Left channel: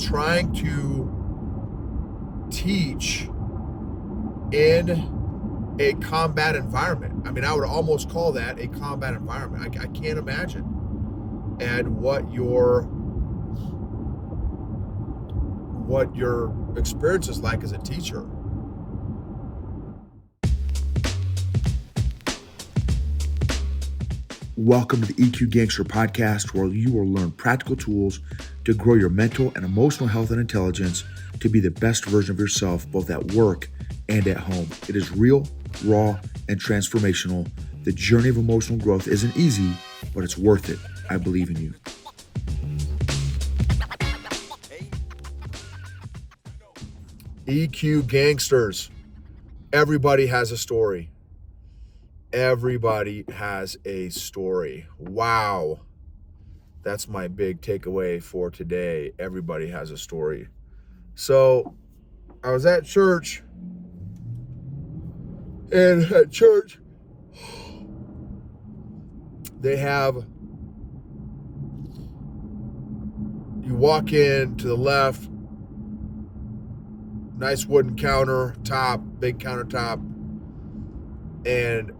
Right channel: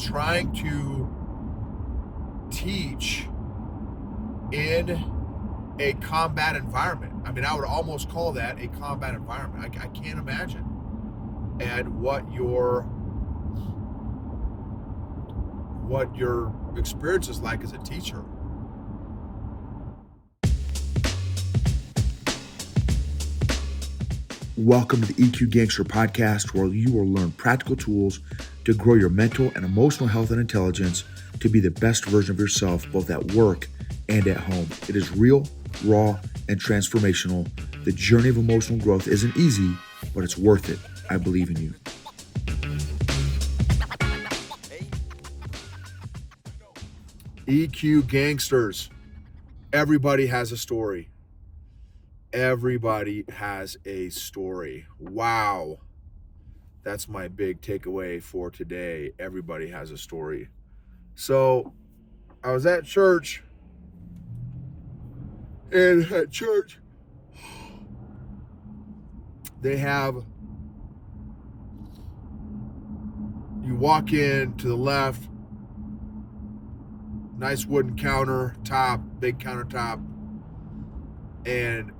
trying to teach in a combat environment. I mean, I would almost call that a combat environment. I can't imagine. And what your experience is like as a teacher. Welcome to the EQ Gangster podcast, where you will learn practical tools to grow your mental and emotional health and intelligence to be the best version of yourself, both at work and at home. It is real, raw, and transformational. The journey of emotional growth isn't easy, but it's worth it. I believe in you. EQ Gangsters. Everybody has a story. Everybody has a story. Wow. That's my big takeaway for today. Everybody has a story. So I was at church, and at church, they have, you walk in to the left, nice wooden countertop, big countertop, and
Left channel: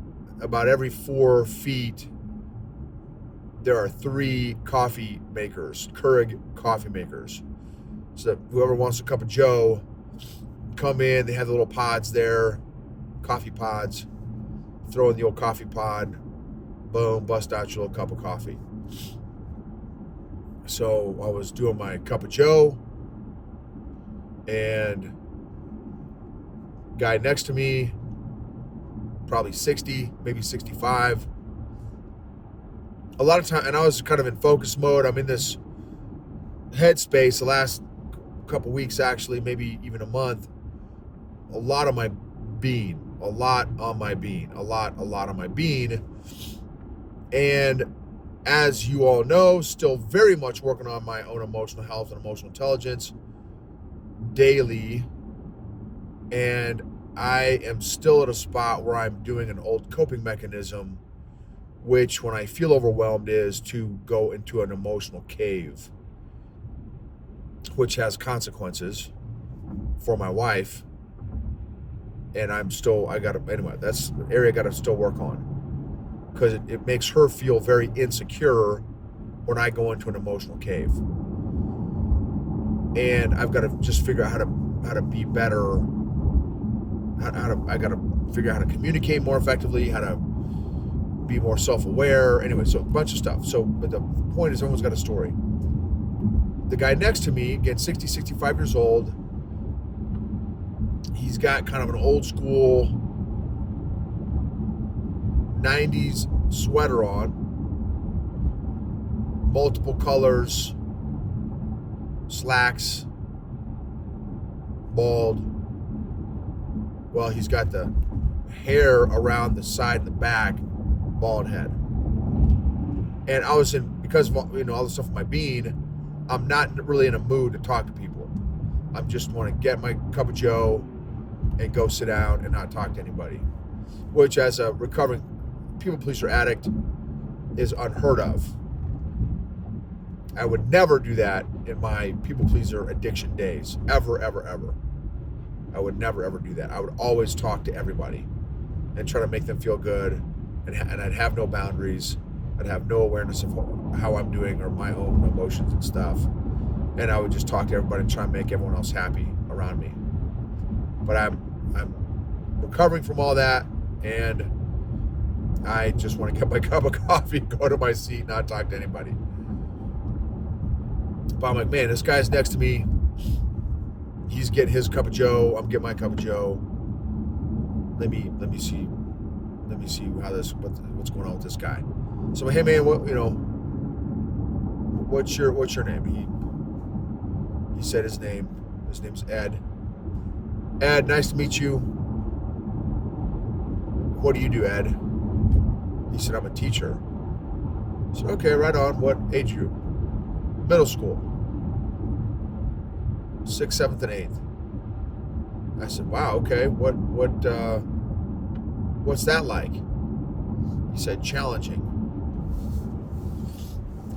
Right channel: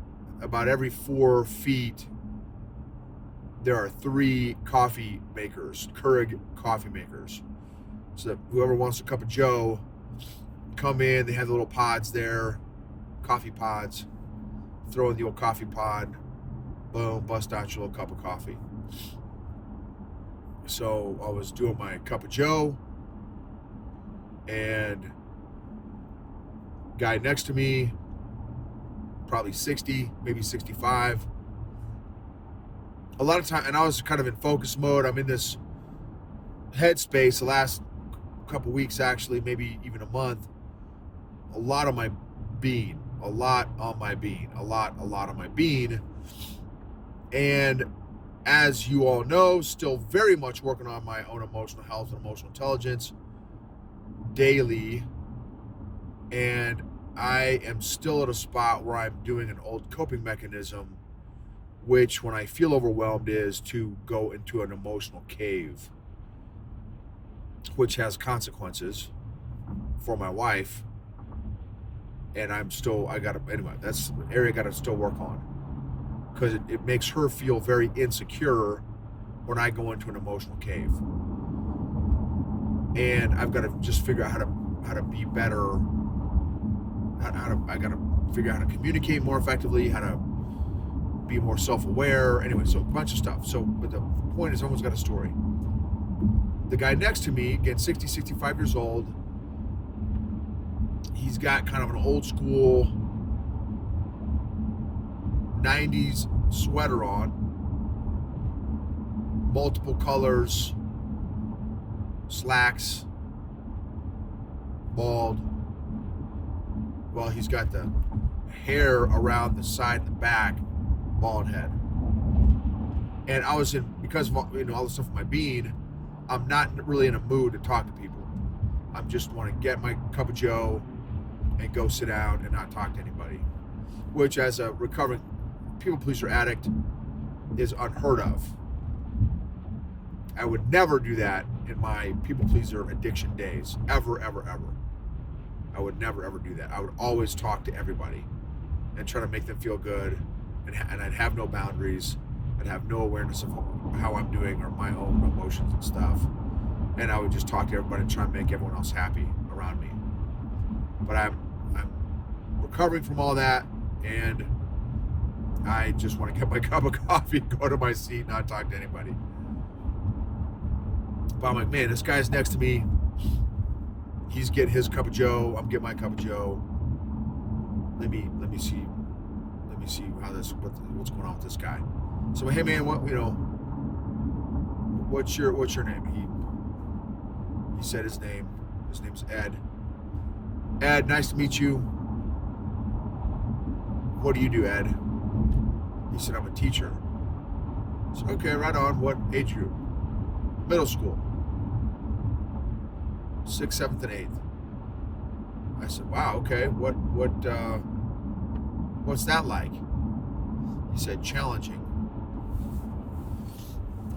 about every 4 feet, there are 3 coffee makers, Keurig coffee makers. So that whoever wants a cup of Joe, come in, they have the little pods there, coffee pods, throw in the old coffee pod, boom, bust out your little cup of coffee. So I was doing my cup of Joe, and guy next to me, probably 60, maybe 65. A lot of time, and I was kind of in focus mode. I'm in this headspace the last couple weeks, actually, maybe even a month. A lot on my bean. And as you all know, still very much working on my own emotional health and emotional intelligence daily. And I am still at a spot where I'm doing an old coping mechanism, which when I feel overwhelmed is to go into an emotional cave, which has consequences for my wife. And anyway, that's the area I got to still work on, because it makes her feel very insecure when I go into an emotional cave. And I've got to just figure out how to be better. I got to figure out how to communicate more effectively, how to be more self-aware. Anyway, so a bunch of stuff. So, but the point is, everyone's got a story. The guy next to me, again, 60, 65 years old, he's got kind of an old school 90s sweater on, multiple colors, slacks, bald. Well, he's got the hair around the side and the back, bald head. And I was because of all the stuff with my bean, I'm not really in a mood to talk to people. I just want to get my cup of Joe and go sit down and not talk to anybody, which as a recovering people pleaser addict is unheard of. I would never do that in my people pleaser addiction days, ever, ever, ever. I would never, ever do that. I would always talk to everybody and try to make them feel good, and I'd have no boundaries. I'd have no awareness of how I'm doing or my own emotions and stuff. And I would just talk to everybody and try and make everyone else happy around me. But I'm recovering from all that, and I just want to get my cup of coffee, go to my seat, not talk to anybody. But I'm like, man, this guy's next to me. He's getting his cup of Joe. I'm getting my cup of Joe. Let me see how what's going on with this guy. So, hey man, what's your name? He said his name. His name's Ed. Ed, nice to meet you. What do you do, Ed? He said, I'm a teacher. I said, okay, right on. What age group? Middle school. 6th, 7th, and 8th. I said, wow, okay. What's that like? He said, challenging.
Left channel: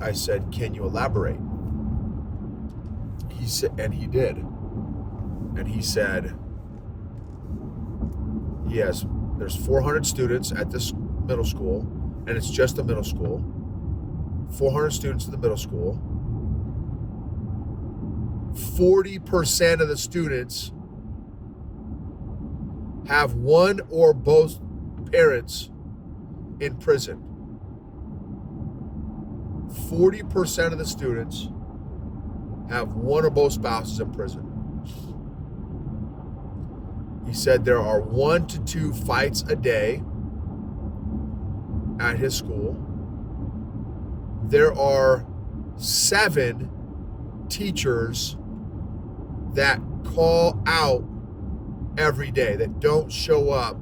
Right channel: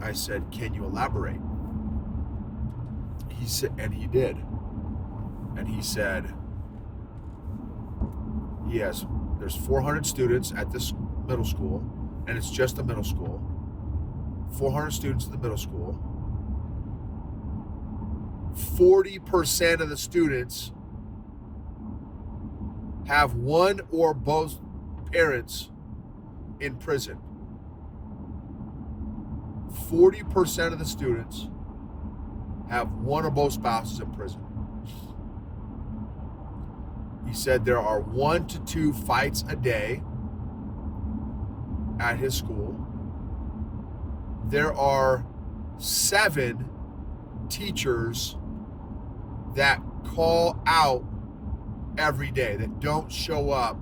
I said, can you elaborate? He said, and he did. And he said, yes, there's 400 students at this middle school, and it's just a middle school. 400 students in the middle school. 40% of the students have one or both parents in prison. 40% of the students have one or both spouses in prison. He said there are 1 to 2 fights a day at his school. There are 7 teachers that call out every day, that don't show up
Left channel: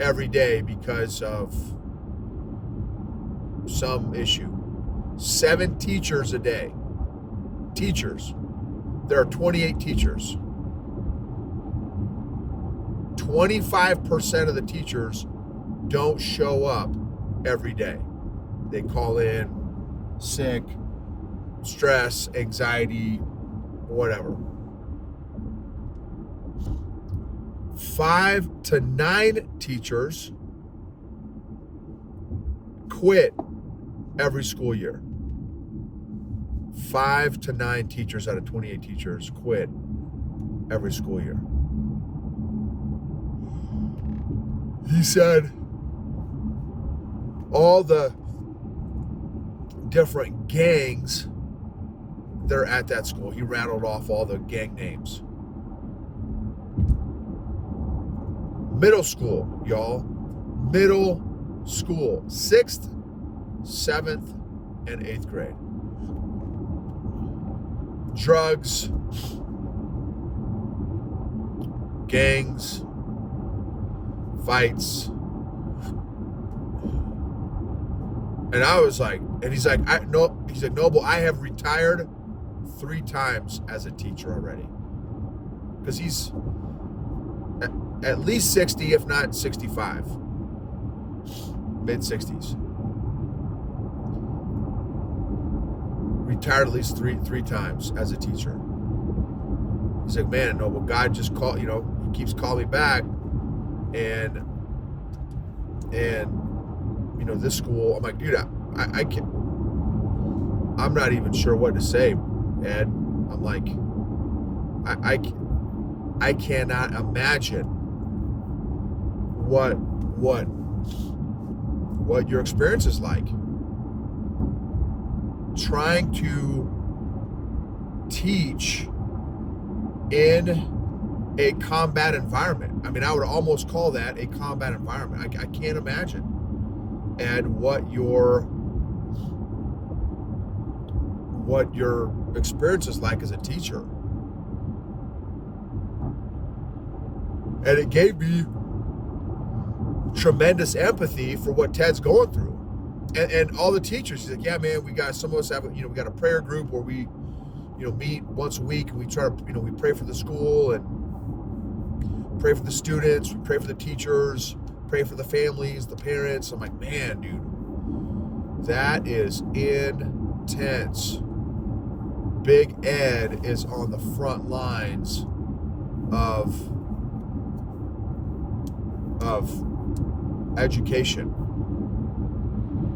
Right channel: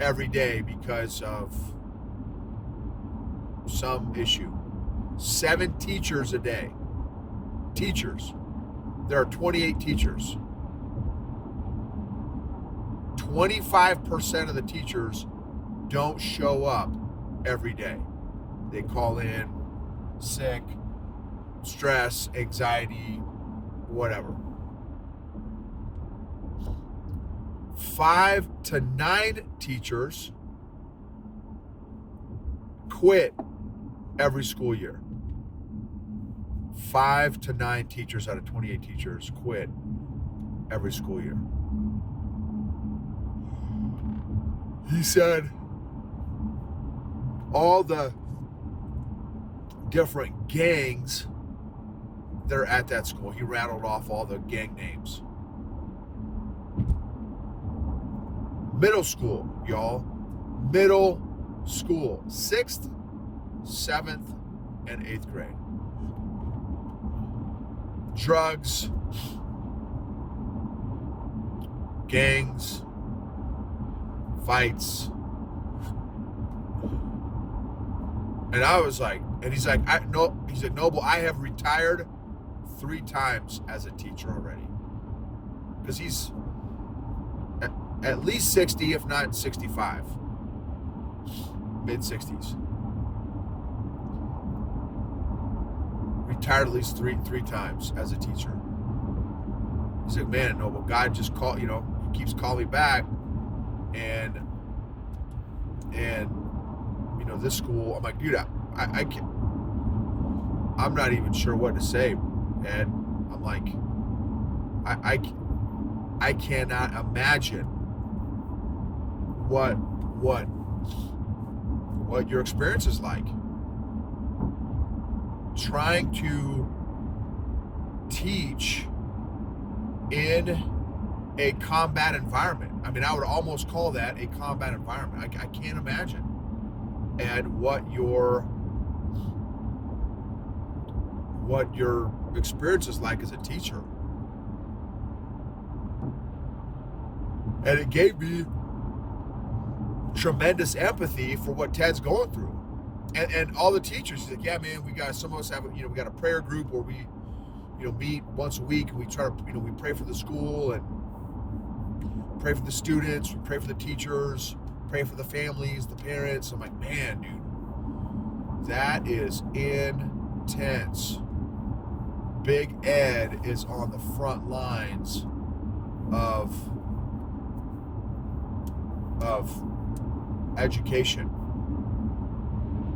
every day because of some issue. 7 teachers a day. Teachers. There are 28 teachers. 25% of the teachers don't show up every day. They call in sick, stress, anxiety, whatever. 5 to 9 teachers quit every school year. 5 to 9 teachers out of 28 teachers quit every school year. He said all the different gangs that are at that school, he rattled off all the gang names. Middle school, y'all. Middle school. 6th, 7th, and 8th grade. Drugs, gangs, fights. And I was like, and he's like, he said, Noble, I have retired 3 times as a teacher already. Because he's at least 60, if not 65. Mid-60s. Retired at least three times as a teacher. He's like, man, Noble, God just called, he keeps calling me back. And this school, I'm like, dude, I can't, I'm not even sure what to say. And I'm like, I cannot imagine what your experience is like. Trying to teach in a combat environment. I mean, I would almost call that a combat environment. I can't imagine. And what your experience is like as a teacher. And it gave me tremendous empathy for what Ted's going through. And all the teachers, he's like, yeah, man, some of us have, we got a prayer group where we, meet once a week, and we try to, we pray for the school and pray for the students, we pray for the teachers, pray for the families, the parents. I'm like, man, dude, that is intense. Big Ed is on the front lines of education.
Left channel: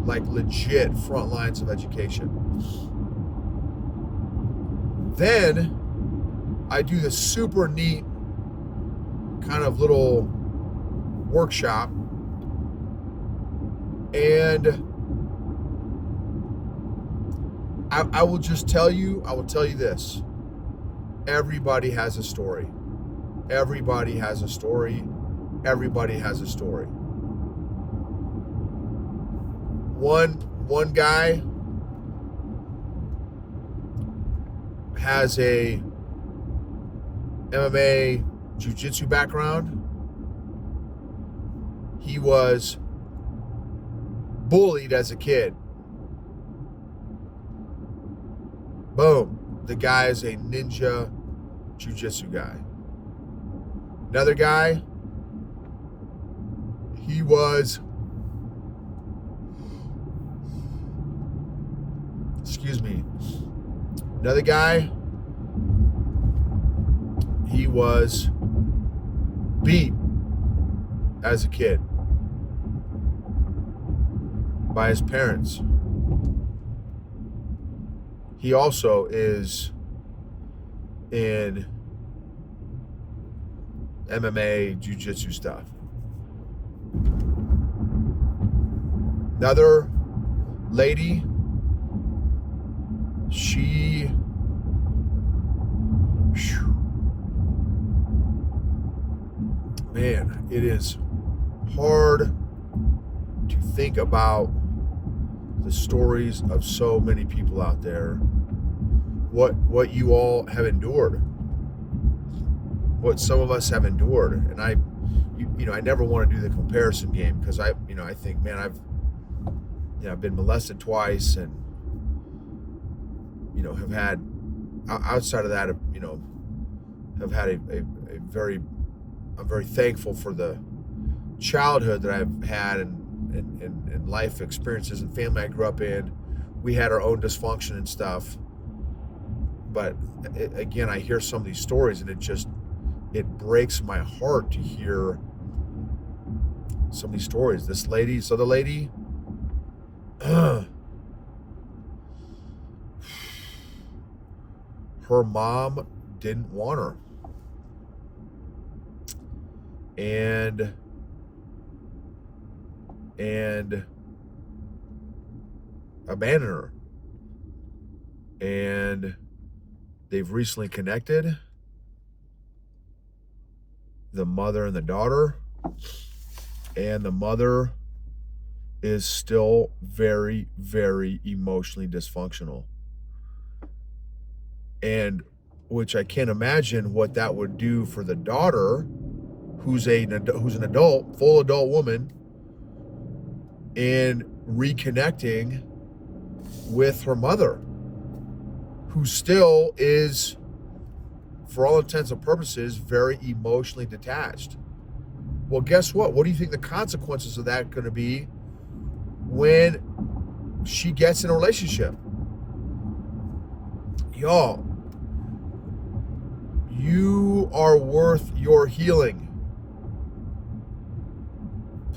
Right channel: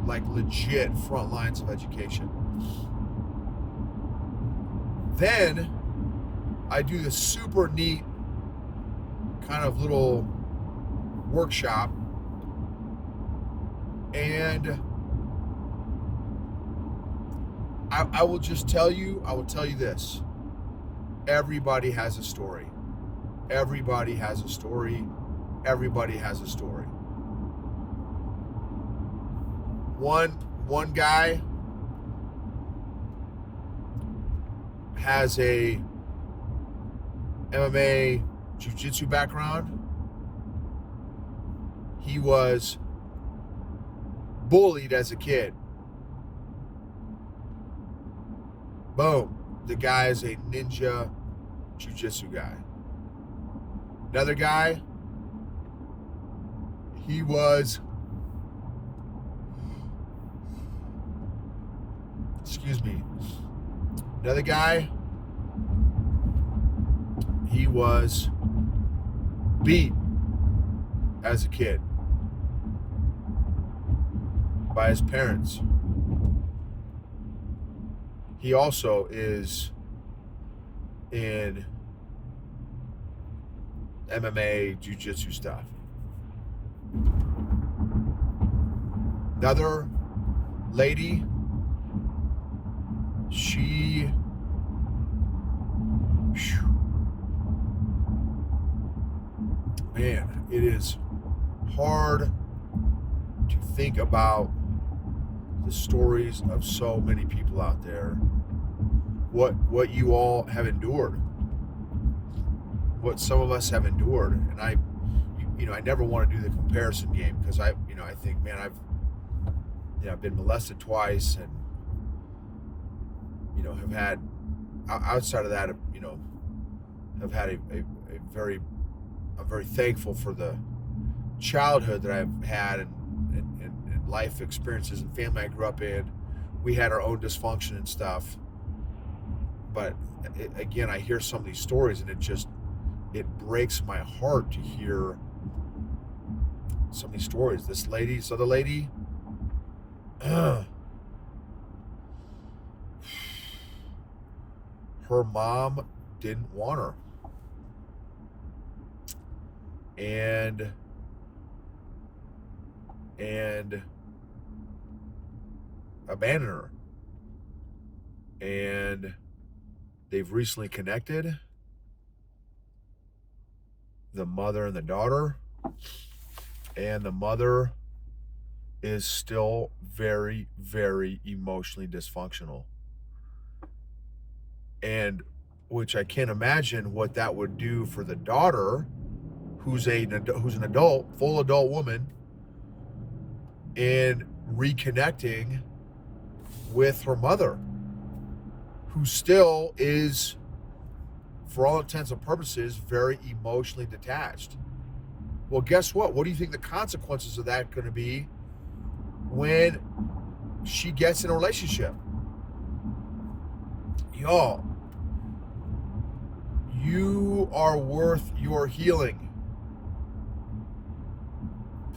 Like legit front lines of education. Then I do this super neat kind of little workshop, and I will tell you this. Everybody has a story. Everybody has a story. Everybody has a story. One guy has a MMA jiu-jitsu background. He was bullied as a kid. Boom. The guy is a ninja jiu-jitsu guy. Another guy, he was, another guy he was beat as a kid by his parents. He also is in MMA, jiu-jitsu stuff. Another lady, man, it is hard to think about the stories of so many people out there, what you all have endured, what some of us have endured. And I never want to do the comparison game, because I think, man, I've been molested twice, and have had, outside of that, have had I'm very thankful for the childhood that I've had, and life experiences and family I grew up in. We had our own dysfunction and stuff, but again, I hear some of these stories, and it breaks my heart to hear some of these stories. The lady, her mom didn't want her, and abandoned her, and they've recently connected, the mother and the daughter, and the mother is still very, very emotionally dysfunctional, and which I can't imagine what that would do for the daughter, who's an adult, full adult woman, and reconnecting with her mother, who still is, for all intents and purposes, very emotionally detached. Well, guess what? What do you think the consequences of that are going to be when she gets in a relationship? Y'all, you are worth your healing.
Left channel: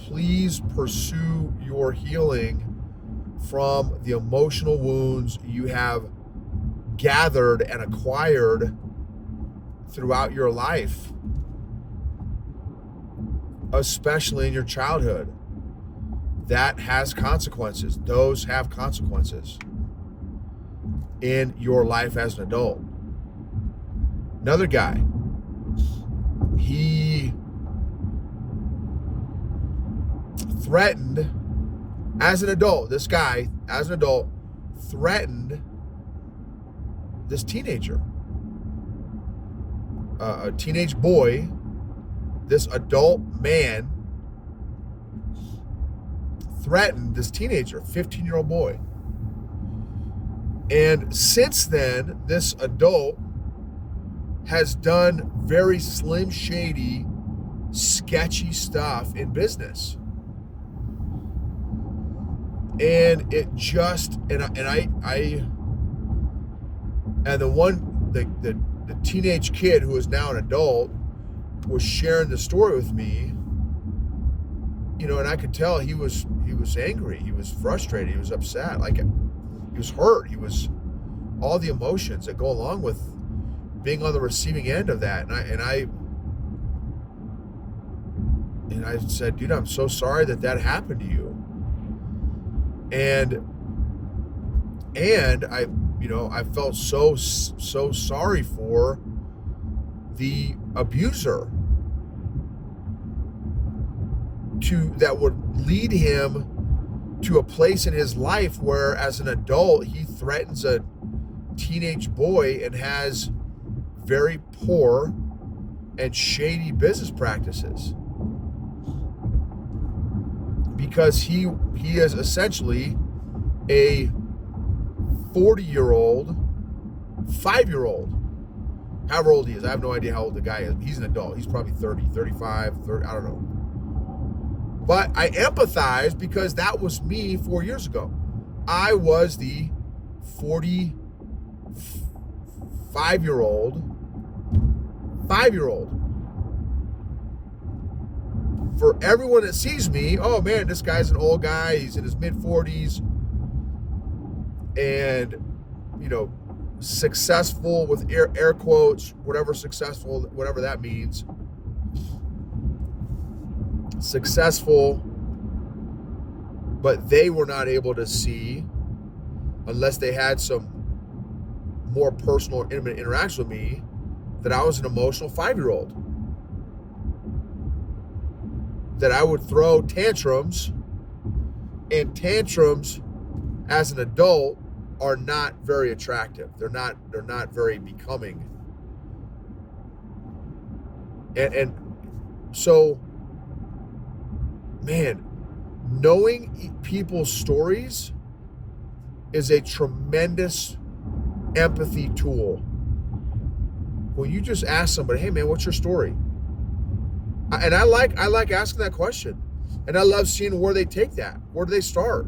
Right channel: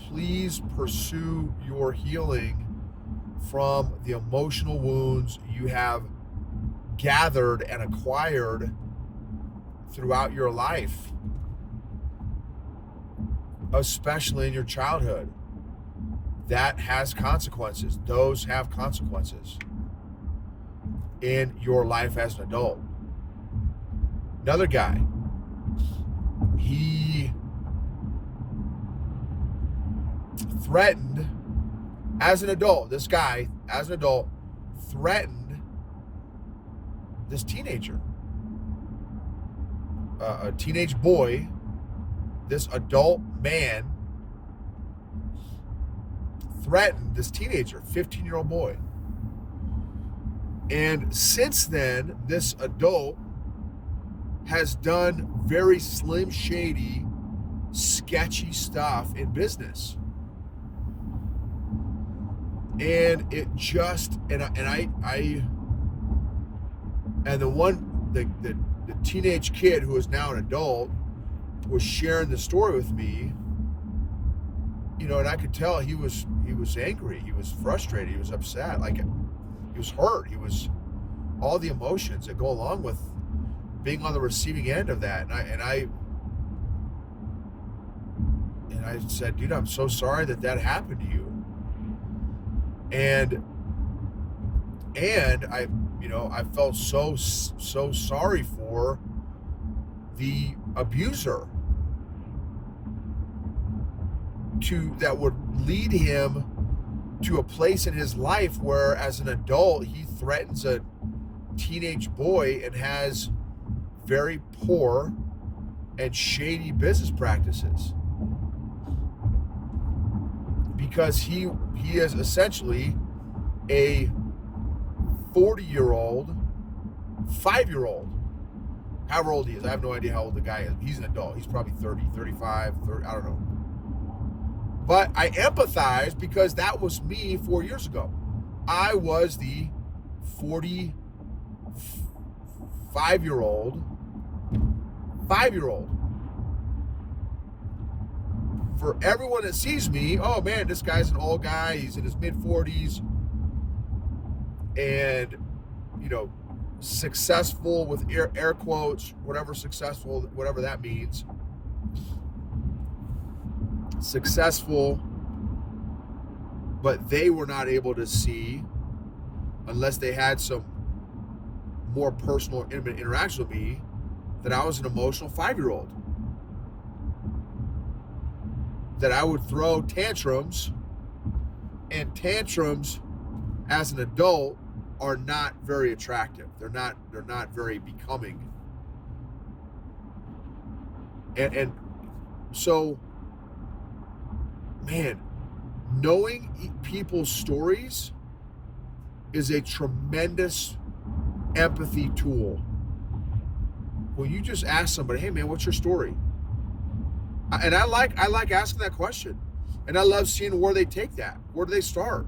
Please pursue your healing from the emotional wounds you have gathered and acquired throughout your life, especially in your childhood. That has consequences. Those have consequences in your life as an adult. Another guy, he threatened, as an adult, threatened this teenager, a teenage boy. This adult man threatened this teenager, 15-year-old boy. And since then, this adult has done very slim shady, sketchy stuff in business. And it just, and the teenage kid who is now an adult was sharing the story with me, and I could tell he was angry, he was frustrated, he was upset, like he was hurt, he was all the emotions that go along with being on the receiving end of that. And I said, dude, I'm so sorry that happened to you. And I felt so sorry for the abuser that would lead him to a place in his life where, as an adult, he threatens a teenage boy and has very poor and shady business practices, because he is essentially a 40-year-old, 5-year-old, however old he is. I have no idea how old the guy is. He's an adult. He's probably 30, 35, 30, I don't know. But I empathize, because that was me 4 years ago. I was the 45-year-old, 5-year-old. For everyone that sees me, oh man, this guy's an old guy. He's in his mid-40s. And, you know, successful with air quotes, whatever successful, whatever that means. Successful, but they were not able to see, unless they had some more personal, intimate interaction with me, that I was an emotional 5-year-old. That I would throw tantrums, and tantrums as an adult are not very attractive. They're not very becoming. And so, man, knowing people's stories is a tremendous empathy tool. When you just ask somebody, hey man, what's your story? And I like asking that question. And I love seeing where they take that. Where do they start?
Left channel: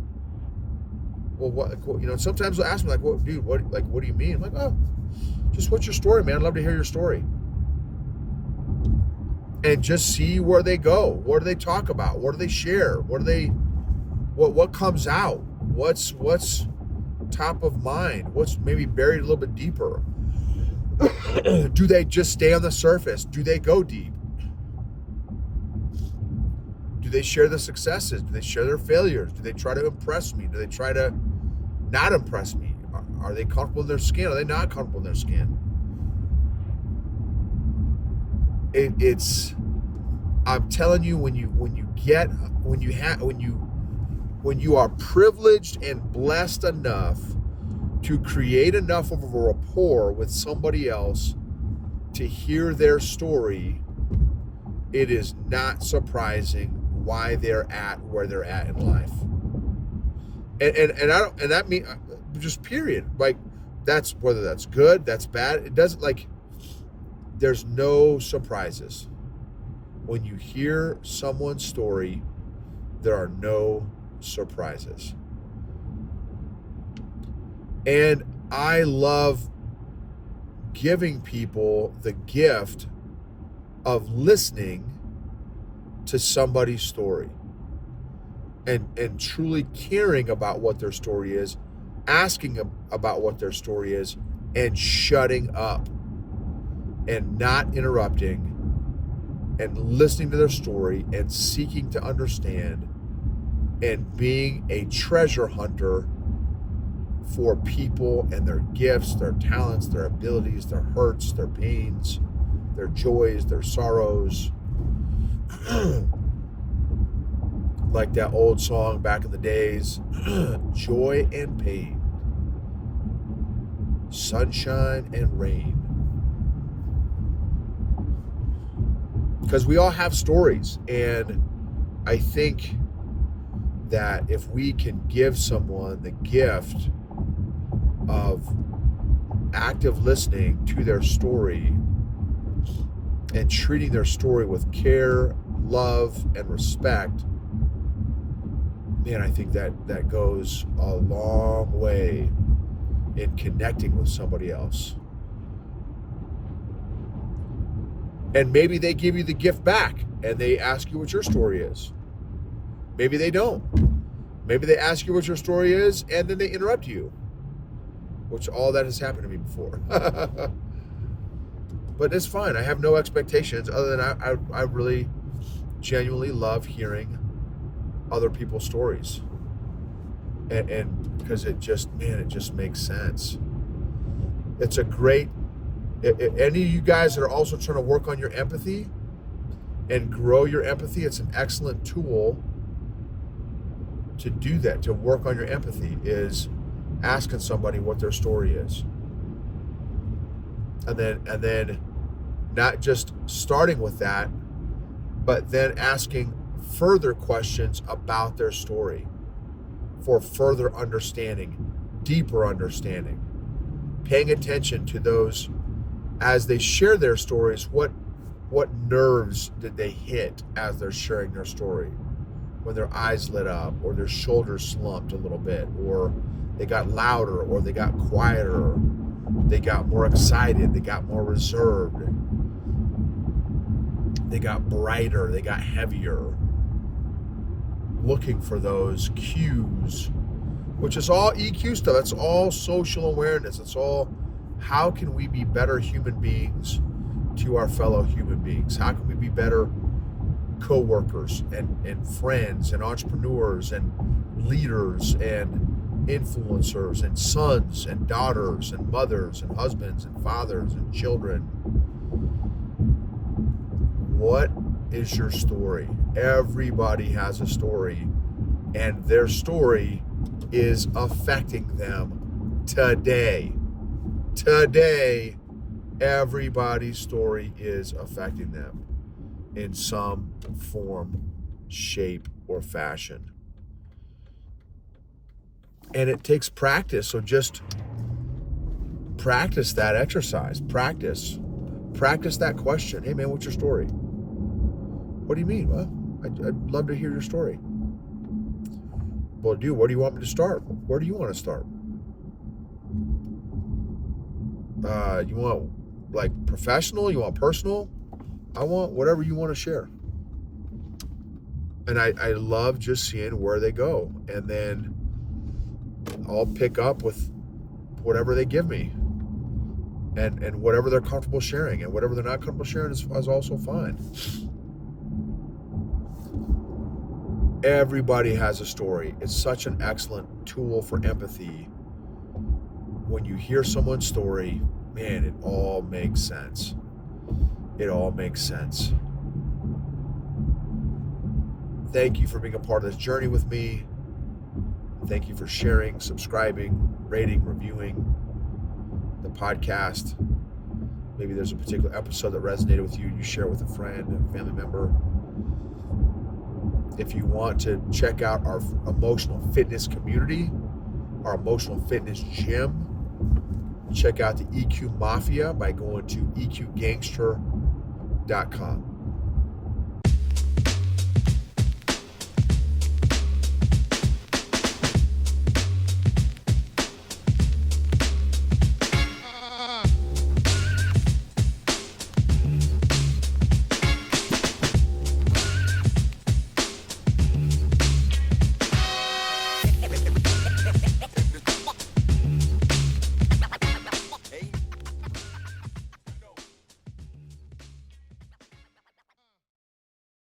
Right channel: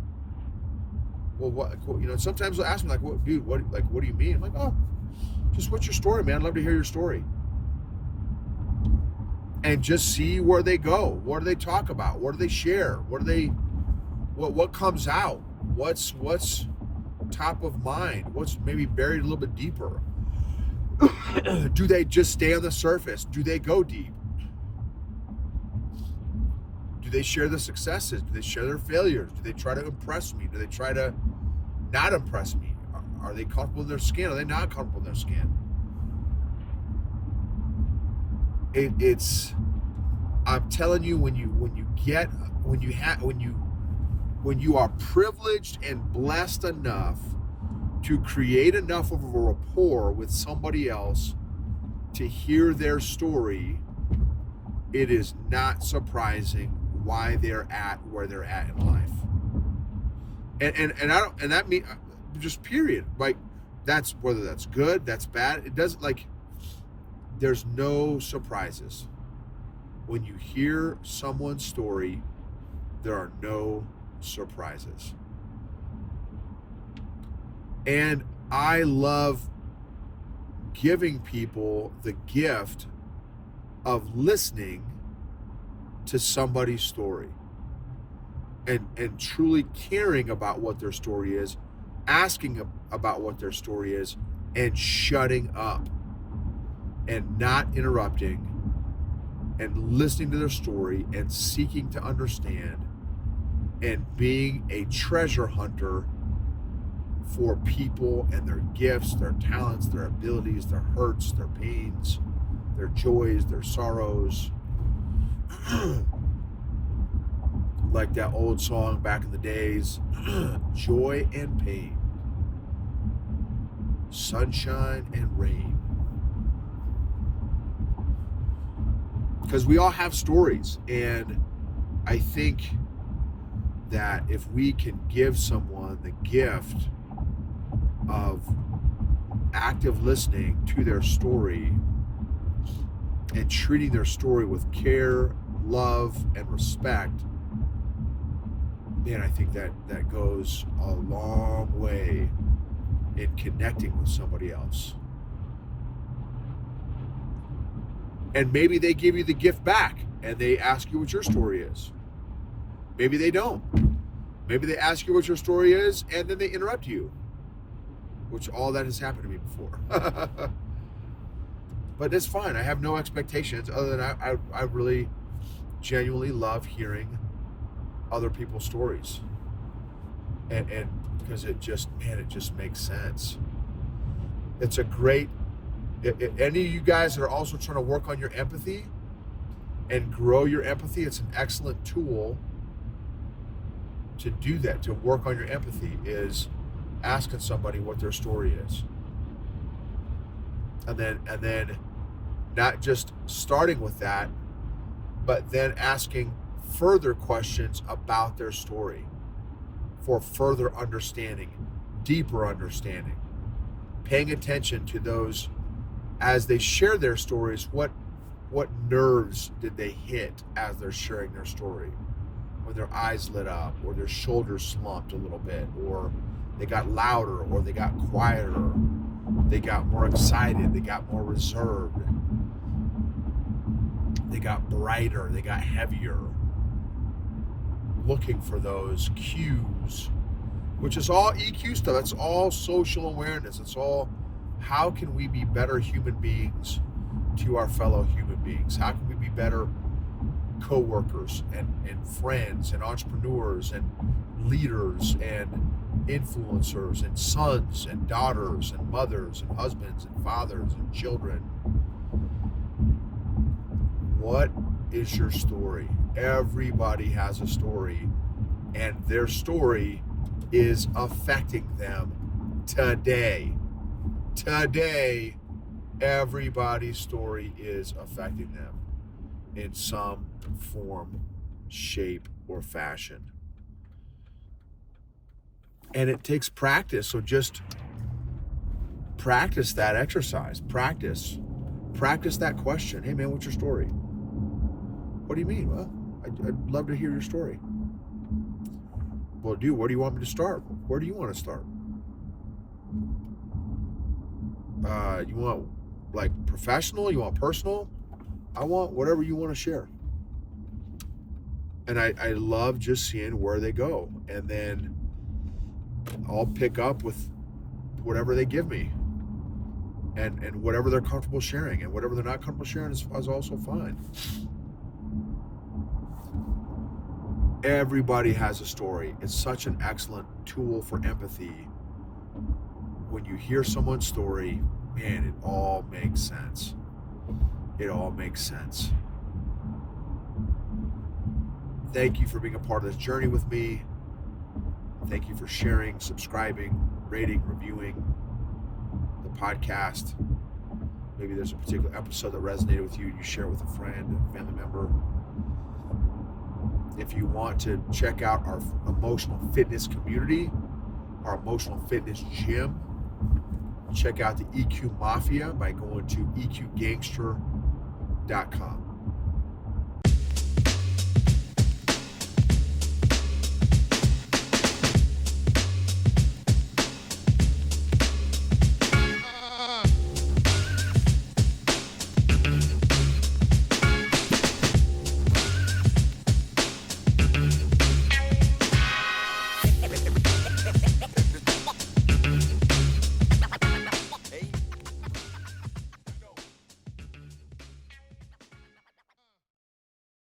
Well, what, you know, sometimes they'll ask me, like, what, dude, what do you mean? I'm like, oh, just what's your story, man? I'd love to hear your story. And just see where they go. What do they talk about? What do they share? What comes out? What's top of mind? What's maybe buried a little bit deeper? Do they just stay on the surface? Do they go deep? Do they share the successes? Do they share their failures? Do they try to impress me? Do they try to not impress me? Are they comfortable in their skin? Are they not comfortable in their skin? It's I'm telling you, when you are privileged and blessed enough to create enough of a rapport with somebody else to hear their story, it is not surprising why they're at where they're at in life. And I don't, and that mean just period. Like, that's, whether that's good, that's bad, it doesn't, like, there's no surprises. When you hear someone's story, there are no surprises. And I love giving people the gift of listening to somebody's story and truly caring about what their story is, asking about what their story is, and shutting up and not interrupting, and listening to their story and seeking to understand, and being a treasure hunter for people and their gifts, their talents, their abilities, their hurts, their pains, their joys, their sorrows. Like that old song back in the days, joy and pain, sunshine and rain. Because we all have stories, and I think that if we can give someone the gift of active listening to their story and treating their story with care, love, and respect, man, I think that goes a long way in connecting with somebody else. And maybe they give you the gift back and they ask you what your story is. Maybe they don't. Maybe they ask you what your story is and then they interrupt you, which all that has happened to me before. But it's fine. I have no expectations other than I really genuinely love hearing other people's stories. And because it just makes sense. It's a great, any of you guys that are also trying to work on your empathy and grow your empathy, it's an excellent tool to do that, to work on your empathy, is asking somebody what their story is. And then not just starting with that, but then asking further questions about their story for further understanding, deeper understanding, paying attention to those as they share their stories. What nerves did they hit as they're sharing their story? When their eyes lit up, or their shoulders slumped a little bit, or they got louder, or they got quieter, they got more excited, they got more reserved. They got brighter, they got heavier, looking for those cues, which is all EQ stuff. That's all social awareness. It's all, how can we be better human beings to our fellow human beings? How can we be better co-workers and friends and entrepreneurs and leaders and influencers and sons and daughters and mothers and husbands and fathers and children? What is your story? Everybody has a story, and their story is affecting them today. Today, everybody's story is affecting them in some form, shape, or fashion. And it takes practice. So just practice that exercise. Practice that question. Hey man, what's your story? What do you mean? Well, I'd love to hear your story. Well, dude, where do you want me to start? Where do you want to start? You want like professional? You want personal? I want whatever you want to share. And I love just seeing where they go. And then I'll pick up with whatever they give me. And whatever they're comfortable sharing. And whatever they're not comfortable sharing is also fine. Everybody has a story. It's such an excellent tool for empathy. When you hear someone's story, man, it all makes sense. It all makes sense. Thank you for being a part of this journey with me. Thank you for sharing, subscribing, rating, reviewing the podcast. Maybe there's a particular episode that resonated with you. You share it with a friend, a family member. If you want to check out our emotional fitness community, our emotional fitness gym, check out the EQ Mafia by going to eqgangster.com.